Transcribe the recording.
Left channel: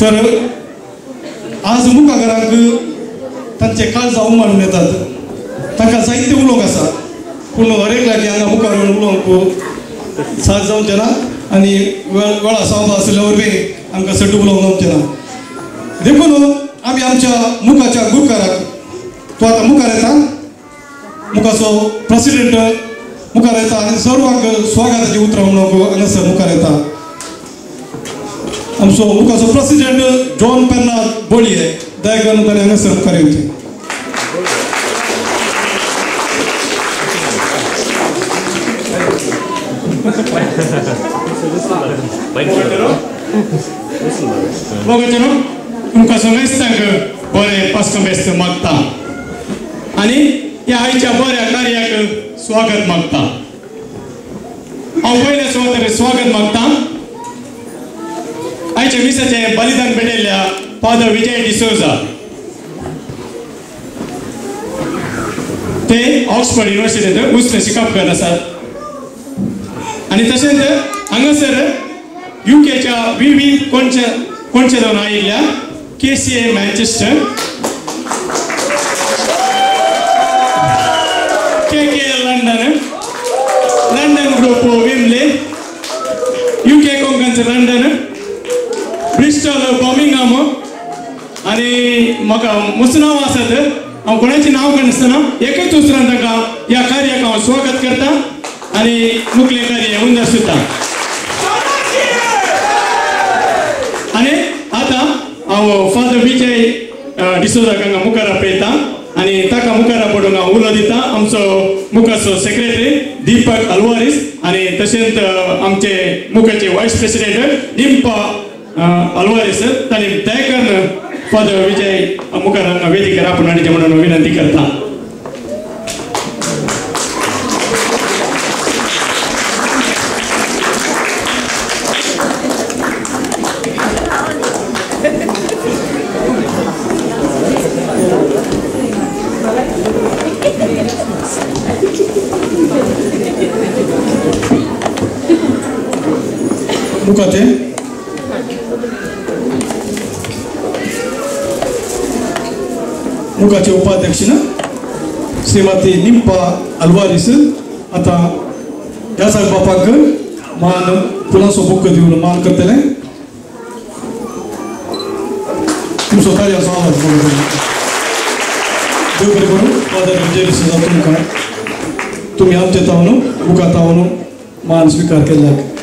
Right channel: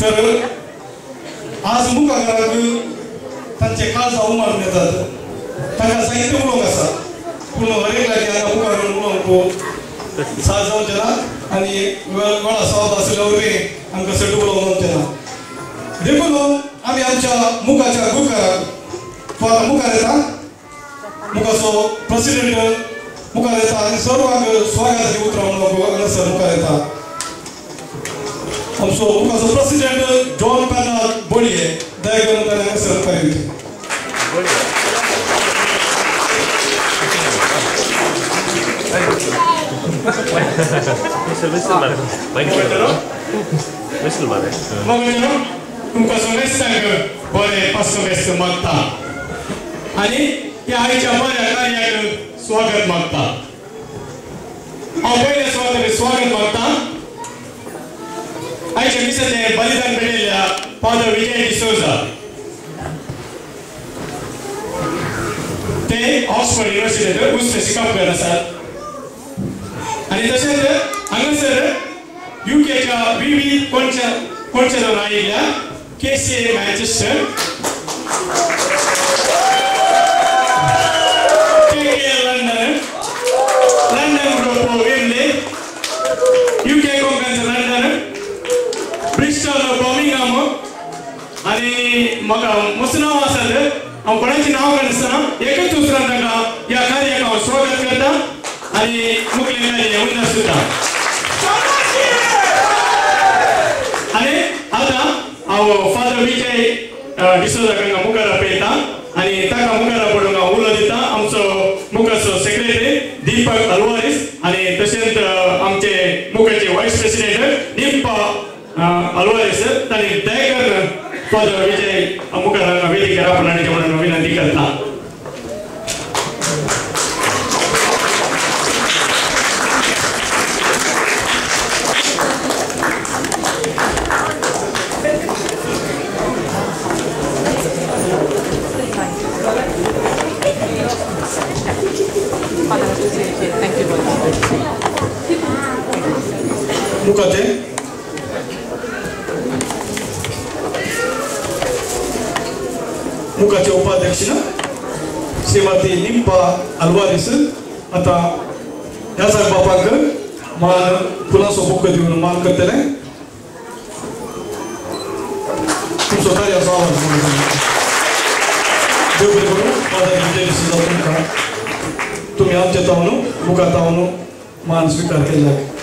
तर आज मुखाराक तांचे काळजा उमाळून येतात तांकां साहित्य उलोवंक आसा पूण हरेक लागी हांगा मुखार उलोवंक साथ जावचें ना आनी वेळा सावध आसले वरवीं आमकां सट उलोवंक जावचें ना देखून आमी आमच्या मुखाच्या गोंयकाराक तो आतां मुखार येता मुखाचो प्रेसिडेंट मुखार येता आनी सर्वांक स्वागताची उतरां म्हणून हांगासर मुखार येता आमचो मुखाचो प्रेसिडेंट जॉन पेर्नार्ड बोळये दया करून ताणें हांगासर मुखार येवचें तुमकां सगळ्यांक बरें पासकमेस्त मागता आनी ह्या आयच्या बऱ्या कार्याक स्वागत मागता हांव पयले सुवातेर स्वागत मागता आयच्या मिसाचें बलिदान भेटयल्ल्या फादर विजय डिसोजा ते ऑक्सफर्ड युनिवर्सिटींत उच्च शिकापकार आसात आनी तशेंच हांगासर युकेच्या विविध कोणचे जावन आयिल्ल्या KCA Manchester KK London group विमले UK कोंकणचे लंडन ब्रिस्टॉल बर्मिंगहाम आनी म्हाका मस्त नांव आसात हांव कोणाचें नांव कानासतना एकच उतरान तांकां ह्या कार्याक हांव स्वागत करता आनी मुखेल कार्य उंदर सुद्दां आनी आतां हांव फादर विजय डिसोजाक हांगा मुखार आपयता आनी ताका मुखार पडूंक हांव उलो दिता आमचो मुखाचो सेक्रेटरी दीपक अल्वारीस आनी तशेंच आमचे मुखाचे वायस प्रेसिडेंट निम्पा अल्वारीस तांणी दया फादर विजय मुखार हांगा वेदिकेर आपणाचें म्हणून विनंती करता मुखाचे उपाध्यक्ष श्रीमती निम्पा अल्वारीस आता ह्या बापाक मान फुलांचो बुक्क दिवन मान करतले तुमचो कार्याचो आवाज देव बरें करूं फादर विजय डिसोजा तुमकां तुमी आमचे तावन मुखार तावन मान स्विकार केल्याक